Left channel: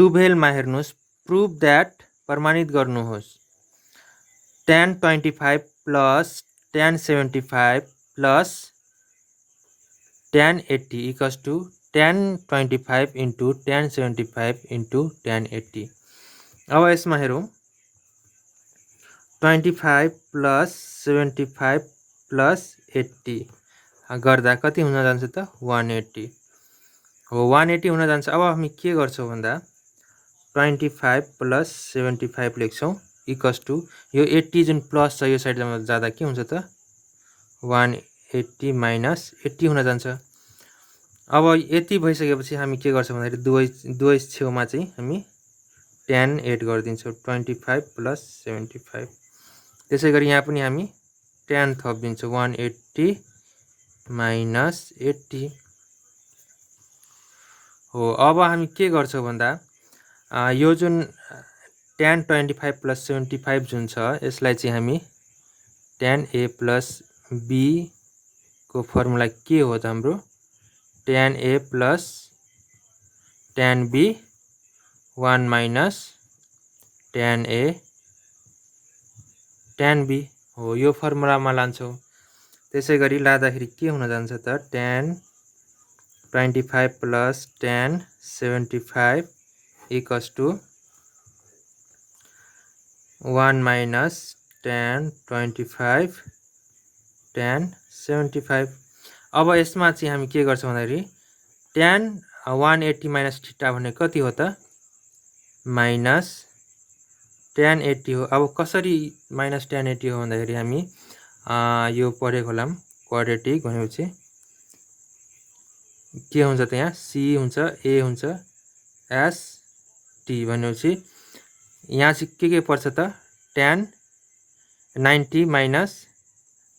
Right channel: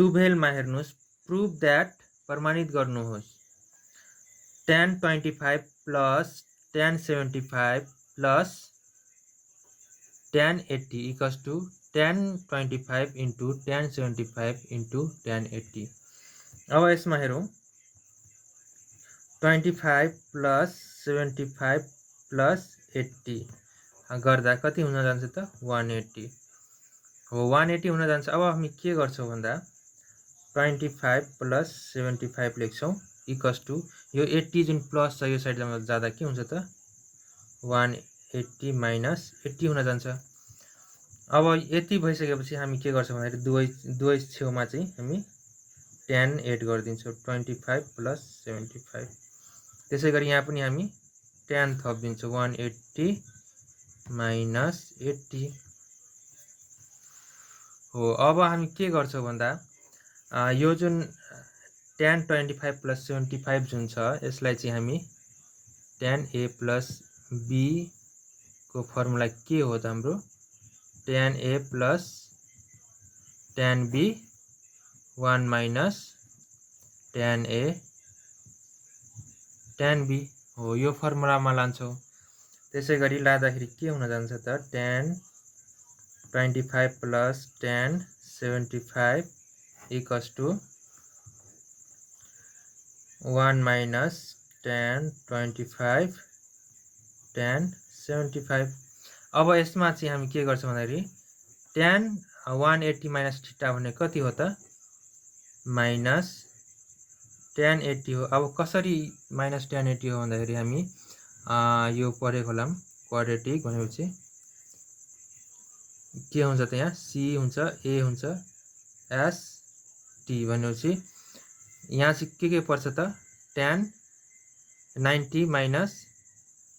टुवेल्भमा हेर्नुहोस् prove that प्रमाणित गर्नुहोस् tan 25 plus tan 75 plus tan 80 equals to tan 25 into tan 75 into tan 80। अब यसमा हेरौँ 25 प्लस 75 प्लस 80 गर्दा कति हुन जान्छ त 180 हो 180 हुन जान्छ। अब हामी के गर्छौँ भन्दा 25 प्लस 75 लेख्छौँ इक्वल्स टू यो 80 जुन प्लस छ यो साइडमा जाँदा के हुन्छ त 180 माइनस 80 हुन जान्छ। अब यति भइसकेपछि हामी के गर्छौँ भन्दाखेरि दुवै छेउमा चाहिँ हामी tan एड गरिदिन्छौँ 25 प्लस 75। त्यसै गरी यहाँ पनि हामी tan थपिदिन्छौँ 180 माइनस 80 हो। अब हामी के गर्छौँ भन्दा यो जुन tan 25 प्लस 75 जुन छ यसलाई चाहिँ हामी tan a प्लस b को फर्मुला के हो त हाम्रो tan a plus tan b 1 minus tan a tan b हो यो फर्मुलामा लान्छौँ। त्यसै गरी लाँदाखेरि के हुन जान्छ त tan 25 plus tan 75 equals to 1 minus tan 25 tan 75। अब यसमा चाहिँ हामी के गर्छौँ भन्दाखेरि tan 180 माइनस थीटा भने कति हो त माइनस tan 80 हो। अब कसरी माइनस tan 80 हो भन्दाखेरि हामी यो पढेको होला क्वाड्रेटिक भनेपछि के हुन्छ त यहाँ c हुन्छ a हुन्छ s t भनेपछि यहाँ चाहिँ के पर्छ त tan 90 minus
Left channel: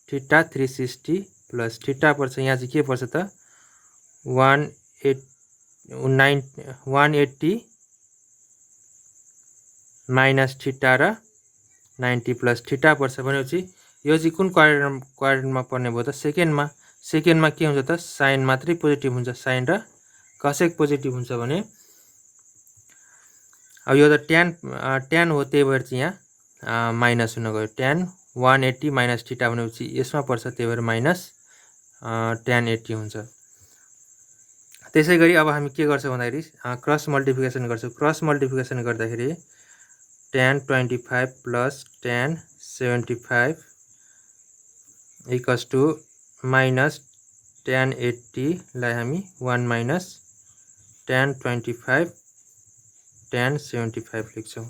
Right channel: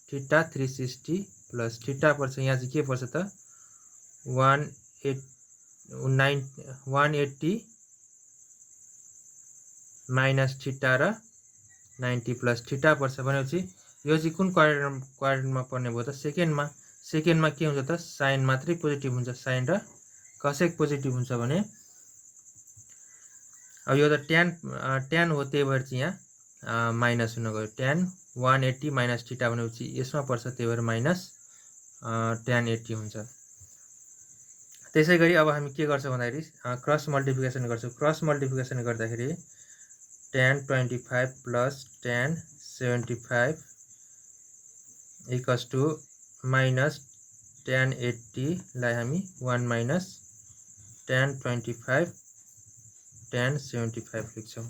theta 360 plus theta पर्छ यहाँ चाहिँ के पर्छ त 180 माइनस थीटा र 90 प्लस थीटा पर्छ भनेपछि यो चाहिँ कुन क्वाड्रेन्टमा पर्ने भयो त सेकेन्डमा के हुन्छ त साइन मात्रै पोजिटिभ हुन्छ साइन र कसेक पोजिटिभ हुन्छ भने अब यो त tan हो त्यही भएर चाहिँ यहाँ माइनस हुन गयो tan 180 माइनस थीटा भनेपछि यसमा पर्छ त्यही भएर माइनस tan 80 हुन्छ। त्यसै गरी अब हामी के गर्छौँ भन्दाखेरि क्रस मल्टिप्लिकेसन गर्छौँ। क्रस मल्टिप्लिकेसन गर्दाखेरि tan 25 plus tan 75 equals to minus tan 80 लाई हामी 1 माइनस tan 25 tan 75 लेख्छौँ।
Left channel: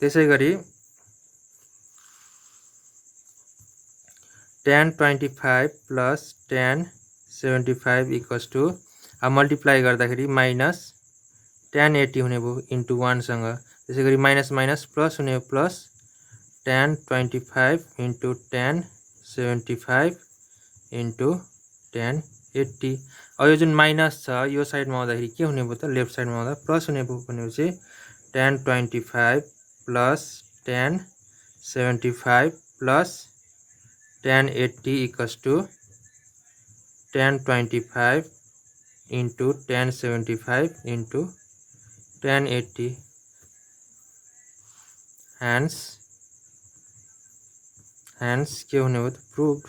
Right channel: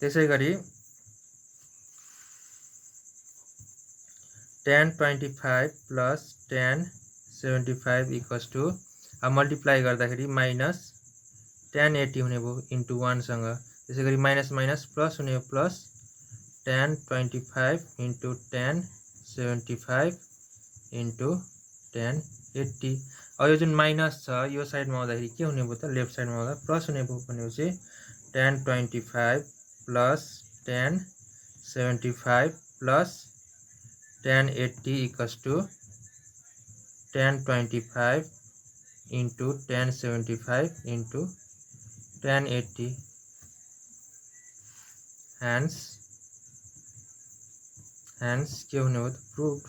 त्यसै गरी tan 25 plus tan 75 equals to multiply गर्दाखेरि माइनस tan 80 हुने भयो इन्टु 1 सँग। त्यसै गरी माइनस माइनस प्लस हुने plus tan 25 into tan 75 into tan 80। अब यो जुन माइनस छ यो साइडमा आउँदाखेरि के हुने भयो त लेफ्ट साइडमा आउँदा प्लस हुने भयो भनेपछि tan 25 plus tan 75 plus tan 80 equals to tan 25 into tan 75 into tan 80 hence के हुने हो त प्रुभ।